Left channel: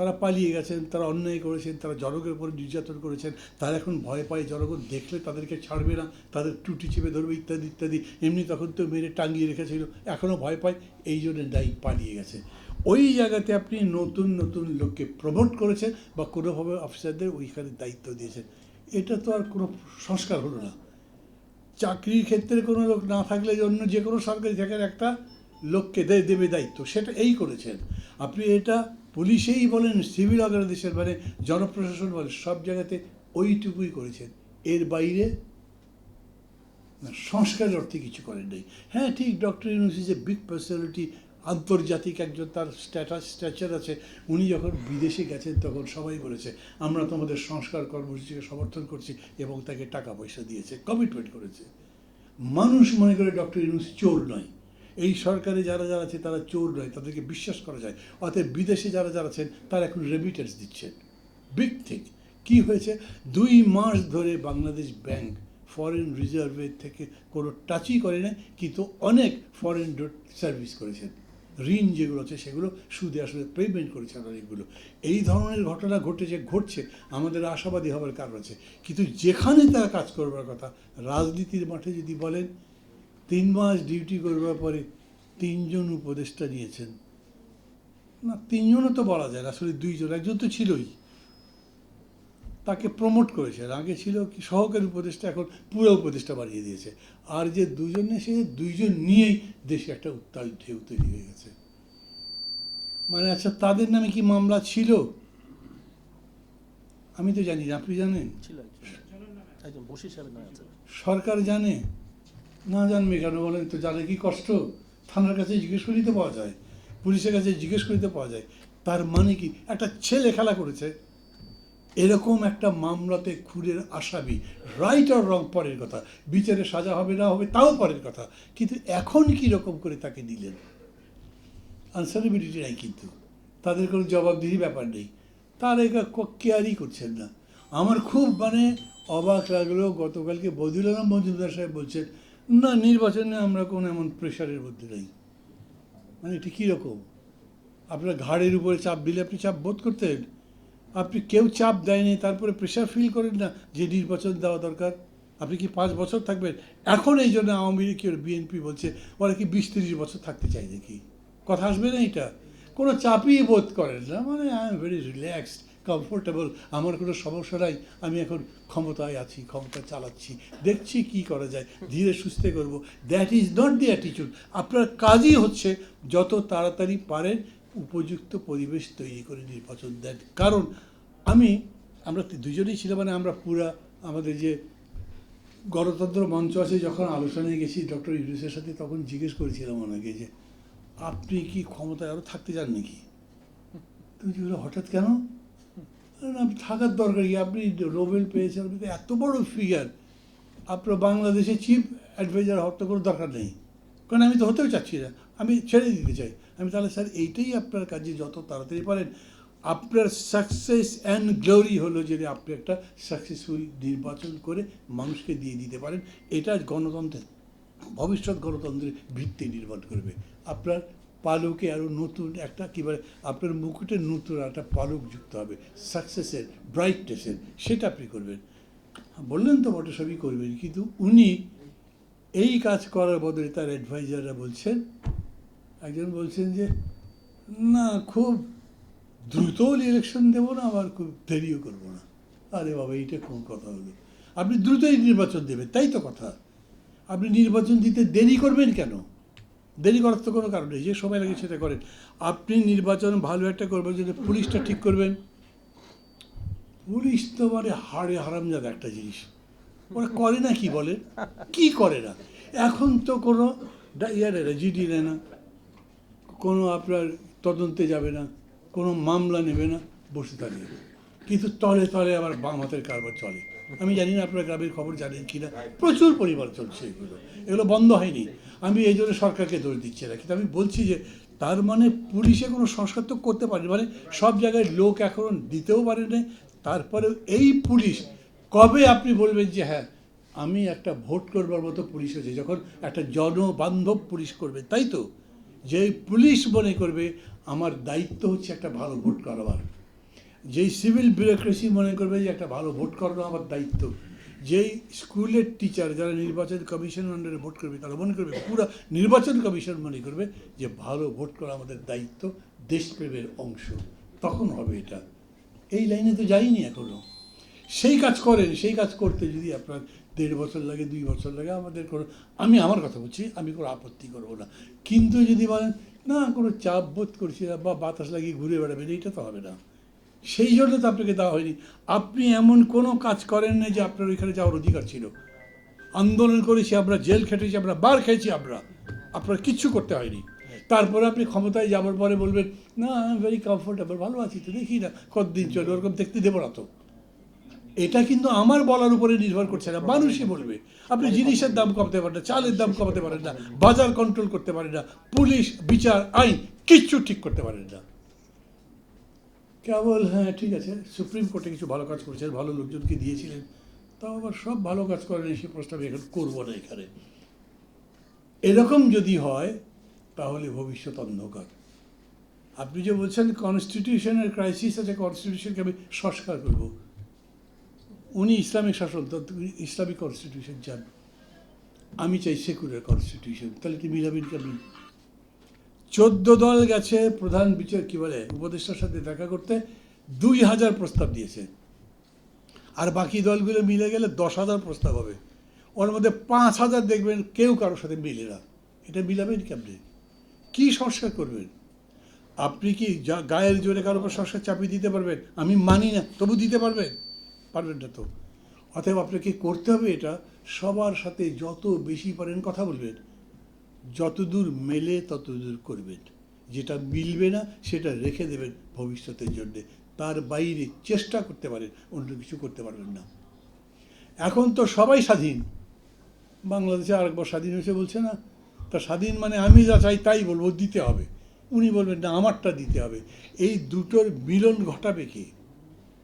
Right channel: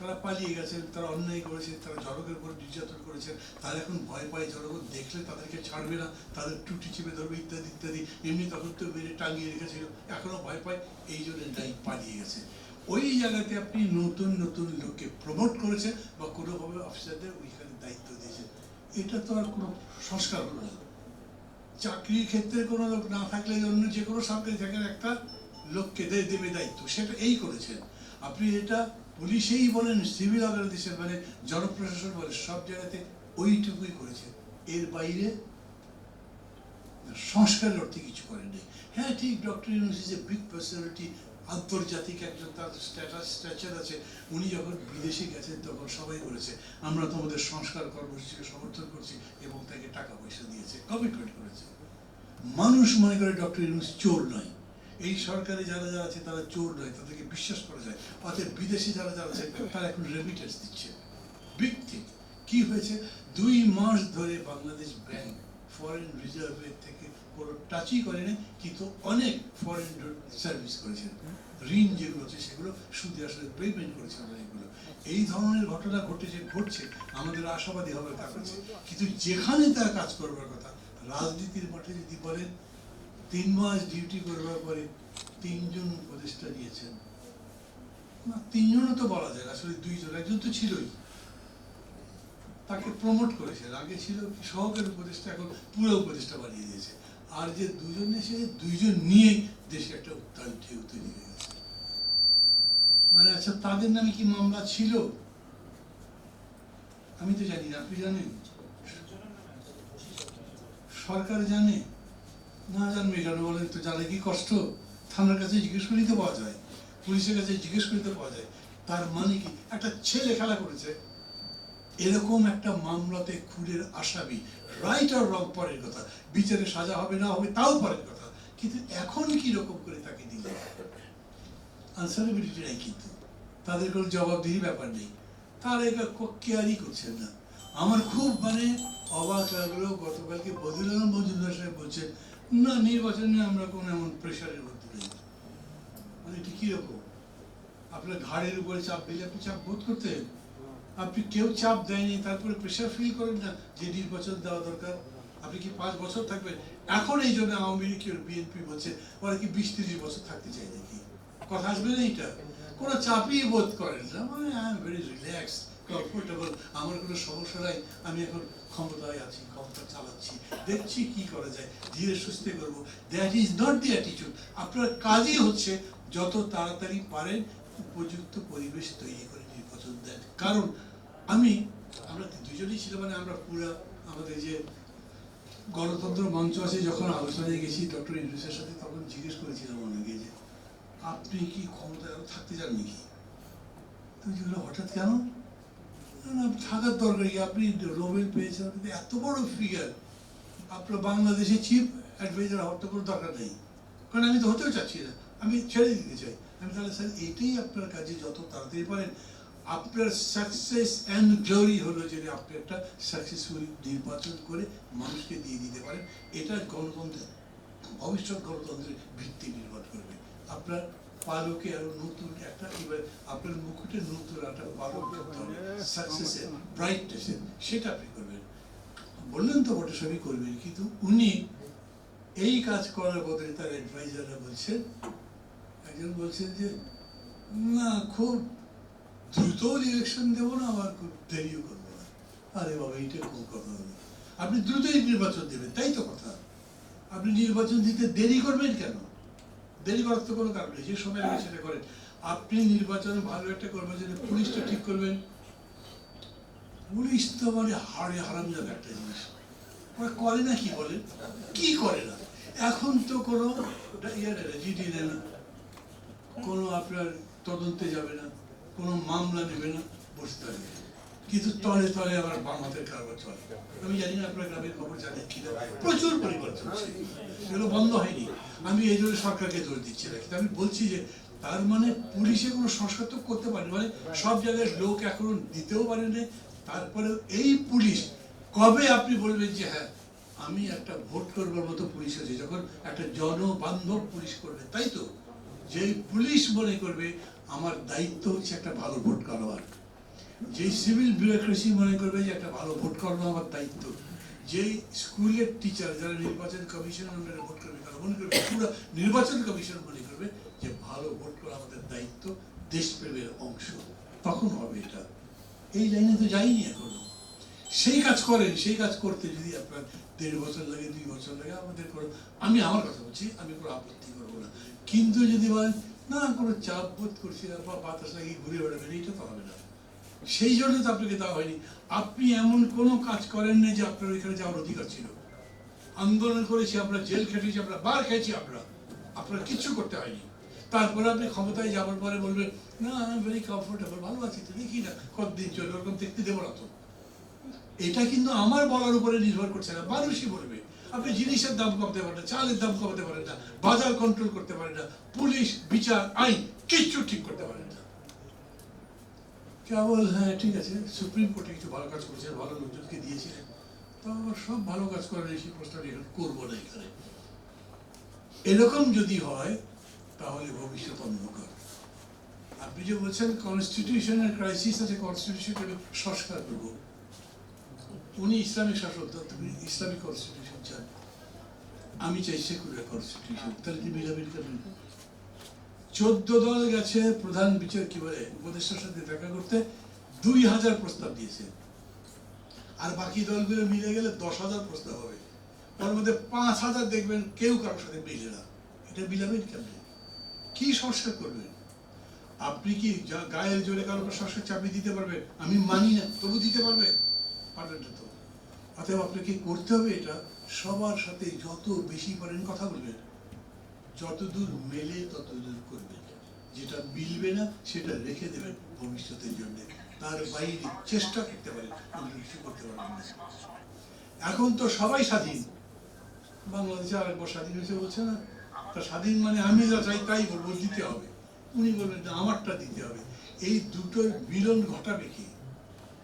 তারা পালিয়ে গেছেন, তারা অন্যায় করেছেন, তারা জনগণের উপর নির্যাতন করেছেন, তারা এখন ভয় পায় জনগণ দেখলে তাদেরকে ছাড়বে না, তাদের টুটি চেপে ধরবে ইত্যাদি ইত্যাদি। এমনি তখন তো মেরে টাঙিয়ে রেখেছিল এখনও ভয় পায়, এই জন্য দায়ী পালিয়ে গেছে। ওই জায়গাতে আপনি নতুন নতুন লোককে প্রমোট করেছেন বা কোনোভাবে অফিসারদের ওইখানে দায়িত্ব দিয়েছেন। এটা তো আর কোনো সংস্কার হলো না। চাকরির ক্ষেত্রে কোনো লোক না থাকলে অন্য যে কোনো সরকারি চাকরির একটা লোককে দে- দেবে দায়িত্ব, সেটা এই করেছেন। আপনি এটা পুলিশেই বলেন সিভিল অর্গানাইজেশন মানে জনপ্রশাসন বলেন, সব জায়গাতে ওইটুকুই করেছেন। এর বাইরে সংস্কারের অর্থে কিছু করেন নাই। হ্যাঁ ঠিক doctor Yunus is a big personality আন্তর্জাতিক একজন, তার স্ট্যাটাস স্ট্যাচার আছে। উনি যখন বিদেশে গেছেন, তখন সবাই বলেছে, আমরা তোমাদের সংস্কার কর্মসূচিকে সমর্থন করছি এবং তাকে টাকা পয়সা দিয়েছে কমিটমেন্ট করেছে। মানুষ মনে করে ডক্টর ইউনুস চোর নয়। এই সরকারে যারা যারা আছে, তারা চোর নয়, তাদেরকে বিশ্বাস করা যায়। অর্থাৎ বিদেশে যারা যারা আছেন, তারা এখন রেমিটেন্স দিচ্ছে। বিগ থিং কি হয়েছে? দুই মাস ধরে বাংলাদেশ ব্যাংক ফরেন রিজার্ভের থেকে কোনো টাচই করে না কিন্তু অনেক ফরেন সার্ভিস করেছেন। ঋণ যেগুলো আছে, সেগুলো সুদে আসলে পেমেন্ট করেছেন অনেকগুলো। এই ধরনের ঘটনা ঘটেছে, ঘটছে। আমাদের আশাবাদী হওয়ার কারণ আছে। কিন্তু যেখানে তারা কাজ করবার কথা, রাজনীতির মাঠে যদি বলেন তিন মাস ডিউটি করবার পরে তিনজন উপদেষ্টা নিয়েছেন। না তিনজনও তো বলা যায় আসলে দুইজন একজন তো ছিলই। তাকে প্রমোট করেছে। আগে ছিল সহকারী উপদেষ্টা এখন পুরো উপদেষ্টা বানিয়ে দিয়েছে। আর যে দুজন এসেছে দুইজন নিয়েই দেশে একটা উত্তাল ঢেউ তৈরি হয়ে গেছে। মানে আচ্ছা তাদের নামে কি মামলা ছিল? আমি তো জানি না আপনি জানেন। সরকার জানে? না জানবে কেন? বলেন তো জানে কি কষ্ট? থানার কাছে জিজ্ঞেস করিতে পাওয়া যায়। পুলিশের কাছে জিজ্ঞেস করিতে পাওয়া যায়। তার মানে কি? একটা ছেলে খেলা করেছে। এরকম একটা মামলাতে খুনের আসামি রাইট আর রং পরের কথা। বিচারে সাজা হবে, না হবে, তাও পরের কথা। কিন্তু এখন কি রকম করে তাকে দিলেন আনসারেবিলিটি নাই কিন্তু। তাদের কোনো জবাবদিহি ব্যাপার নেই। তারা এটা কেয়ারই করছেন না। আমার খুব মানে অবাক লাগল। গতকালকে বদিউল আলম, মজুমদার সাহেব বলছেন না, নির্বাচনে আমরা কোনো এমন প্রেশারের মধ্যে নেই। মানে এটি কীরকম আপনার ঘাড়ের উপরে চাপ দিলে আপনি চাপ বোধ করতেন আপনি কেউ চাপ দেয়নি, তারপরে প্রেশার ফিল করেন না যে নির্বাচন দেওয়া দরকার। আপনি কি পাঁচ বছর থাকবেন? এখন এই জন্য আওয়ামী লীগ বিএনপি বলছে, ওরা কি বিশ তিরিশ বছর থাকতে চায় নাকি? কথা আসবে না এটা? কোনো চাপই বোধ করেন না। মানে I am very relax comfortable আমার কোনো সমস্যা নাই, আমি এখন ক্ষমতায় আছি, ক্ষমতা চালাচ্ছি, দেখছি কি করা যায়, ধীরে সুস্থে করব। That is not the attitude আপনার কাজই হচ্ছে যত তাড়াতাড়ি পারেন উপযুক্ত পরিবেশ তৈরি করে নির্বাচন দেন কারণ আমি, আমরা দুজনেই ছিলাম মানে আমরা পুরা আমাদের যে গণতন্ত্র মঞ্চ আছে, যখন আলোচনায় গেছি, ডক্টর ইউনুসের সাথে তখন জিজ্ঞেস করেছিলাম ওনাকে যে, আপনি কি ক্ষমতায় আরও থাকতে চান নাকি? তুমি হঠাৎ কেন? থাকার দরকার আপনি নোবেল পেয়েছেন এত বড় ফিগার আপনার বাংলাদেশে চিফ অ্যাডভাইজার হওয়ার তো কোনো দরকার নেই। কারণ আমি তো হতেও চাচ্ছি না। আমি ছেড়ে দিতে চাই। আমি তাহলে স্যার, এইটাই আপনার কাজে যত তাড়াতাড়ি পারেন। আপনার সাকসেস অ্যান্ড গ্লোরি হলো যে আপনি একটা সাকসেসফুল নির্বাচন করে মানুষকে দিয়ে দিতে পারেন। এটা গণতন্ত্রের, ভবিষ্যৎ গণতন্ত্রের ভিত্তি নির্মাণ করবে। আপনার পালকে আরও নতুন একটা কি বলে, আপনার মুকুটে নতুন একটা পালক যুক্ত হবে। সাকসেসের ব্রাইটনেসের সেটা আপনি করবেন। বললেন তো বটে সবই করবেন, কিন্তু উনি এই কাজ করার বদলে তার অ্যাডভাইজাররা বলছেন, একজন বলছেন যে, না, খুব দ্রুত ইলেকশন দেবো না, আবার খুব দেরিও করব না। আরে বাবা, এইটা কোন কথা হলো আপনি দ্রুতই নির্বাচন দেবেন, তাই তো কথা। আপনি নির্বাচন দিতে দেরি করবেন কেন? দেরি করার তো কোনো কারণ নেই, যে সময় লাগে সেটা করেন। আপনি নির্বাচন ভালো একটা করবেন যদি পুলিশটা ঠিক করবেন। পুলিশ তো মানে হাড়ে হারামজাদা একটা জিনিস। ওরা করে না কি বলে? কি করে না? এখন তো কোনো ইয়ে না জিডি নেয় না। কোনো আপনার তদন্তে যাবে না, কোনো মামলা নেবে না, বসে থাকবে। কিন্তু তলে তলে আবার বাম হাতের কারবার চলে। আমি জানি না আপনার গ্রামের খবর জানেন কিনা। প্রচুর পরিবর্তন হচ্ছে। এগুলো বন্ধ হয়নি। আমি এই জন্য সরকারকে দোষ দিচ্ছি না। কিন্তু আমি বলছি যে, তার মানে পুলিশে কোনো সংস্কার করতে পারেনি। মানে সব জায়গায় লোক এখন দিতেও পারে না তারপরে এই পুলিশ, কবে আপনি বলবেন যে হ্যাঁ আমি একটা ভোট করবার মতো পুলিশ হচ্ছে যখন একটা জনবান্ধব পুলিশ করবে, তাই তো? যে পুলিশ মনে করবে, আমার দায়িত্ব হচ্ছে একটা ভালো ভোট কারবার যেই সিভিল ব্যুরোক্রেসি মনে করবে যে, একটা ভালো ভোট করানো আমার দায়িত্ব। যেই স্কুলের টিচার যারা নির্বাচন কমিশন আন্ডারে ভোট করবে, তারা মনে করবে পুরো নির্বাচন কমিশন মনে করবে যে ভালো ভোট করা আমাদের দায়িত্ব, দেশপ্রেমের অংশ। তখন হবে এটা। এই লাইনে তো যাইনি এখনও। সেই কাজ করেন, সেই কাজ করতে যদি আপনার দেড় বছর লাগে, দুই বছর লাগে, আমাদের কোনো আমি আমার কথা বলছি, আমি কোনো আপত্তি করব না। কিন্তু যদি বলেন, না, কোনো চাপ বোধ করছি বা বাতাস লাগিয়ে ঘুরে বেড়াবেন, এইটা তো হবে না। সেই জন্য তো আপনাকে দেওয়া হয়নি। আপনি এমন কোনো কাজ করেন না যে আপনার ওইখানে যাওয়ার অধিকার ছিল। আন্দোলন করেছি আমরা, জেল খেটেছি আমরা, বার খেয়েছি আমরা। আপনার কিচ্ছু করতে হয়নি। তারপরে আপনি ক্ষমতায় যাওয়ার পরে বলবেন, না ভেরি কমফোর্টেবল ভালো আছি তো, দেখি না, কতদিন চলে? ওরকম দেখতে দেবো না তো। এটা কিন্তু আমার বলার উপরে নির্ভর করছে না। মানুষই বলবে, আপনি জিনিসের দাম কমাতে পারেন না, চালের দাম কমাতে পারেন না, বাজার কন্ট্রোল করতে পারেন না, পুলিশ, বিচার, আইন, কিচ্ছু ঠিক করতে পারেন না। কেবল হ্যাঁ ঠিক আছে, সুপ্রিম কোর্টে কিছু ভালো কাজ করছেন, ভালো লোকজনকে দিয়েছিলেন, তাও আবার সব ভালো কাজ করেন সেই প্রস্তাব এখানে করব না এখানে। এরকম যদি হয়, তাহলে ভবিষ্যৎ অন্ধকার। আপনি যে বলছেন কনস্টিটিউশনের ক্রাইসিস আছে কনস্টিটিউশনকে আমি সংস্কার করব। উনি ইসলামিক শাসক ইসলামিক কনস্টিটিউশন চান। আমি চাই সেকুলার কনস্টিটিউশন তাহলে কি মিলাবেন কেমন চোদ্দ দল গেছে, প্রধান বিচার কি বলে, উপদেষ্টার সাথে দেখা করতে, দুই হাজার প্রস্তাব দিয়েছে। আর বাকি দলগুলো মিলে গেলে দশ হাজার প্রস্তাব হবে। ওর মধ্যে পাঁচ হাজার দেখবেন কেউ কারোর সাথে মিলে না। এটা মিলাবেন কেমনি? কি সংস্কার করবেন? আপনি কি যা- গায়ের জোরে কারও সংস্কার চাপিয়ে দিতে পারবেন? আমি মানি না, তবু দিতে পারবেন পারবেন না তো। অতএব আপনাকে করতে হবে এটা। সবার সাথে যত বেশি পারেন কথা বলবেন। যতদূর মেলে ততদূর করবেন যেটা মিলবে না, সেটা রেখে দেবেন ভবিষ্যতের জন্য। তার বাইরে চেষ্টা করতে পারেন, অন্য কিছু করতে পারবেন না। এখন তো সবাই স্বাধীন। বাংলাদেশে আরেকবার স্বাধীন হয়েছে বলছে না? তা স্বাধীন মানে আমি যা চাই তাই বলব, দিতে হবে। উনি বলবেন, না, আমারটা দিতে হবে। এই দুটোর মিলন ঘটাবে কি?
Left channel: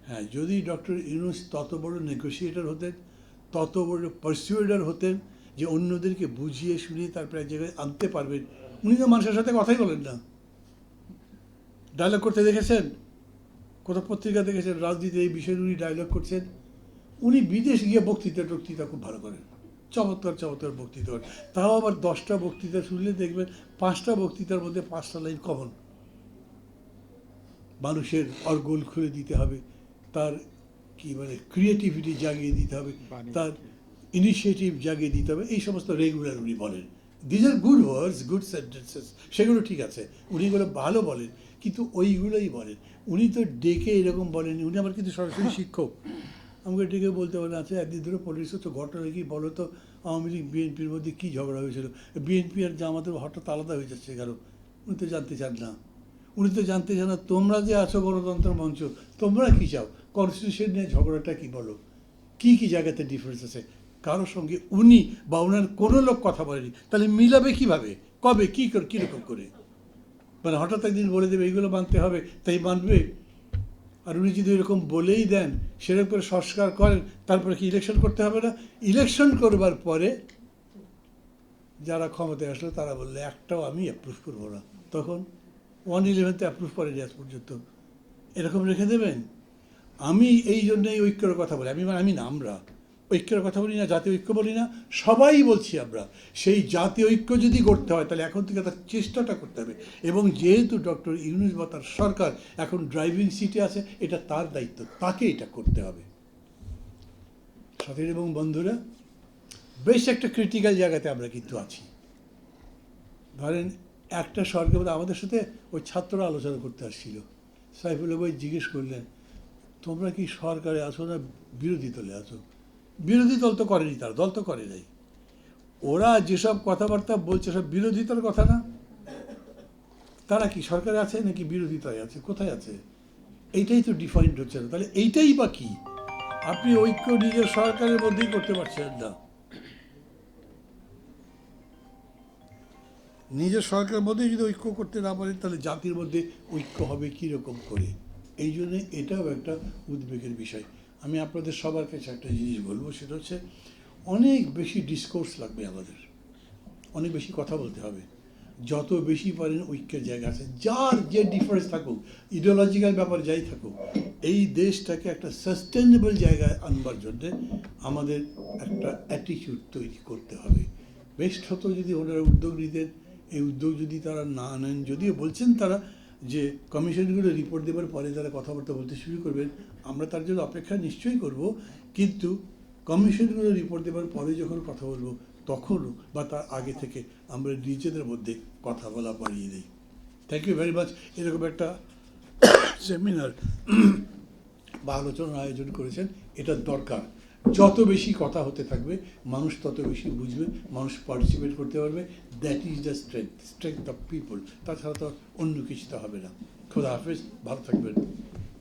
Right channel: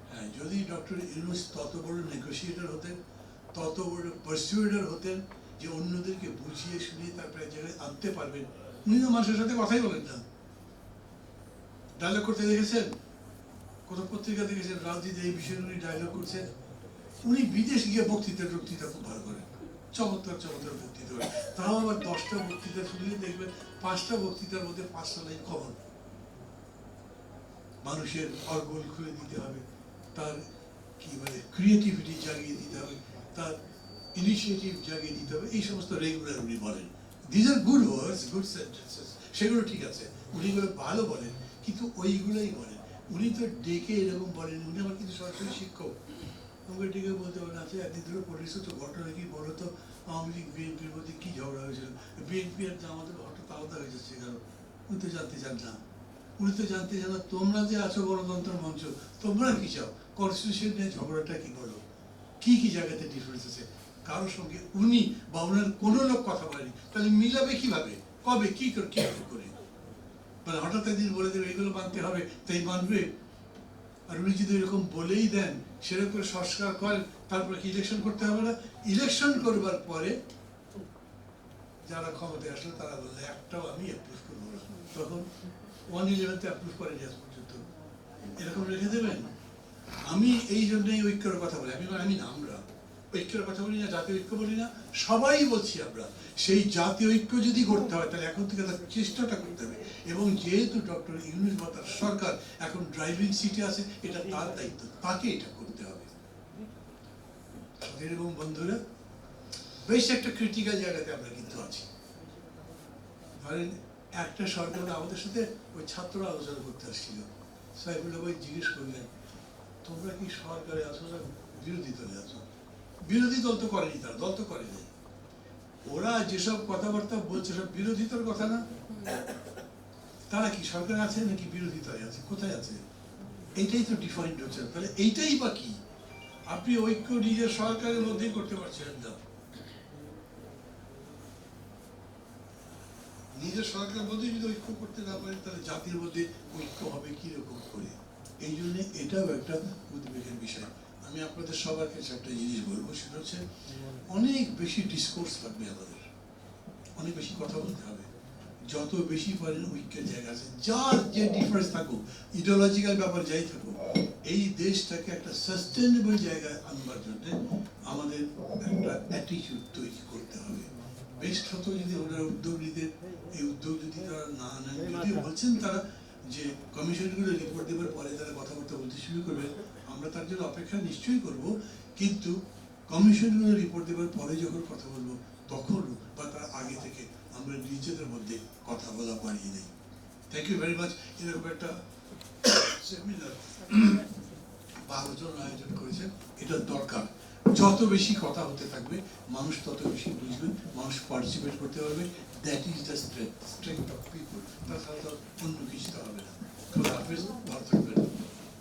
হ্যাঁ যদি ডক্টর ইউনুস তত বড় নেগোসিয়েটর হতেন, তত বড় পারসিউডার হতেন যে অন্যদেরকে বুঝিয়ে শুনিয়ে তারপরে এক জায়গায় আনতে পারবেন। উনি তো মানুষের সাথে কথাই বলেন না। ডায়লগ করতে দেখেছেন? কোথাও পত্রিকা দেখেছেন? রাজনীতি এই বিষয়ে উনি ডায়লগ করছেন। উনি বিদেশ গিয়ে বক্তৃতা টক্তৃতা খুব ভালো করেন। চমৎকার চমৎকার বক্তৃতা করেন। তাও আবার দশটা বক্তৃতা শুনলে দেখবেন পাঁচটা বক্তৃতার মধ্যে পাঁচটা লাইন কমন মানুষের অর্গল খুলে দিতে হবে। তার কি বলে ক্রিয়েটিভিটি জাগিয়ে দিতে হবে। তার ইনিশিয়েটিভ জাগিয়ে দিতে হবে, এই সমস্ত রেগুলার উনি বলেন। These are good words good sentences সেগুলো ঠিক আছে। উনি এগুলো ভালো বলেন, কিন্তু ওইগুলোই বলেন। উনি তো ডেকে এরকম বলেন উনি আমার কিন্তু সরাসরি শিক্ষক। আমাকে ডেকে বলতে বলে আচ্ছা একদিন ধরে পরিস্থিতি তো ঘটনা কি বলো তো? আওয়ামী লীগ বিএনপির মধ্যে কী ঝগড়া হয়েছিল? বিএনপি আর জামাতের হঠাৎ আলাদা হয়ে যাচ্ছে কেন? উনি তো জানতে চান না। উনি তো জানতে চান না, তোমরা যে আছো গণতন্ত্র মঞ্চ, তোমরা কি চাও? কনস্টিটিউশন নিয়ে ঝগড়াটা কি বলো? কী কী জায়গাতে ডিফারেন্স আছে? কারোর সঙ্গে উনি বা ওনার কোনো লোক কথা বলেনি। তাহলে মিলাবে কীভাবে? কবে? কি করে? কীরকম করে? মানে হঠাৎ একদিন বলে দেবে, এইগুলো মানতে হবে। তাই মানবে? আর উনি যদি এরকম বলেই দেন, সেরকম করে সংস্কার করেন, তারপরে কি ইলেকশন করতে হবে না? ইলেকশন করবার পরে যারা ক্ষমতায় আসলো, তারা বললে, একটাও আমি অ্যাপ্রুভ করব না। তখন ওয়ান ইলেভেনতে অ্যাপ্রুভ করেনি আজ পর্যন্ত। এরকম রেখে দেবেন? আমি এই জন্যই ঐক্যের কথা বলি। আমি আমি না, আমরা। ঐক্যের কথা বলি না, জাতীয় ঐক্য বলি না, সবাই বলছি আমরা, সেই জাতীয় ঐক্য যদি করতে হয়, তাহলে এখন থেকে তার চেষ্টাটা করতে হবে। এবং যেহেতু ডক্টর ইউনুস বা তার সরকার এখন ড্রাইভিং সিটে আছে, এটা তার দায়িত্ব, তাকে এটা করতে হবে। সাথীর এবং বন্ধুরা, বেশ একটা ক্রিটিক্যাল জায়গাতে আমরা কিন্তু আছি। ধরেন, একটা সরকার আমাদের সাথে ওই ছাত্ররা আলোচনা করতে আসছিল। সাইফুল্লাহ ভাই জিজ্ঞেস করলেন, তোমরা কি সরকারে আছো না বিরোধী দলে আছো? বিরোধী দল তো করেনি তার, দল তো করে নাই। ওরা যেসব কথাবার্তা বলছে, সব বিরোধিতার কথা না? তারা কি সরকারে আছে নাকি বিরোধিতায় আছে? কোথায় আছে? এইটাই তো ডিফারেন্ট হচ্ছে না। তাহলে এইটাই বা কি? আপনি ঐক্য নিজের সরকারের মধ্যেই করতে পারছেন না। নিজের সরকারের মধ্যে যদি ঐক্য করতে না পারেন, তাহলে জাতির মধ্যে ঐক্য হবে কীরকম করে? এই জন্য এটাও একটা উদ্বেগের বিষয়। আমি আপনাদের সবার কাছে একটা জিনিস বলব, সেটা হচ্ছে অনেক বেশি ডিসকোর্স লাগবে আমাদের। অনেক বেশি কথা বলতে হবে। যত বেশি পারেন ঐক্যের জায়গা আছে। যার যে ডিফারেন্স থাকুক ইডিওলজিক্যাল ব্যাপার যাই থাকুক, এই দেশটাকে একটা সাস্টেনেবল জায়গায় আনবার জন্য আমাদের একটা অ্যাটিটিউড তৈরি করতে হবে। বেস্ট হতো যদি ওনারা উদ্যোগ নিতেন, এই উদ্যোগ যদি তারা না নেন, যদিও বলছেন তারা যে কমিশনগুলো রিপোর্ট দেওয়ার পরে তারা কথাবার্তা বলতে শুরু করবেন আমরা তার জন্য অপেক্ষা নিশ্চয়ই করব, কিন্তু কমিশনগুলো রিপোর্ট দেওয়ার পরে যখন কথা বলব, তখন বা তার আগে থেকে আমরা নিজেদের মধ্যে কথা বলা বাড়িয়ে দিই। থ্যাংক ইউ ভেরি মাচ এরকম একটা সেমিনার বা আলোচনার আয়োজন করেছেন, এটা দরকার। যত বেশি কথা হতে থাকবে, মানুষ তত বেশি বুঝবে, মানুষ পার্টিসিপেট করতে পারবে। That is the strength strength of people তাছাড়া তো অন্য কিছুতে হবে না। খোলা হাফেজ, ভালো থাকবেন।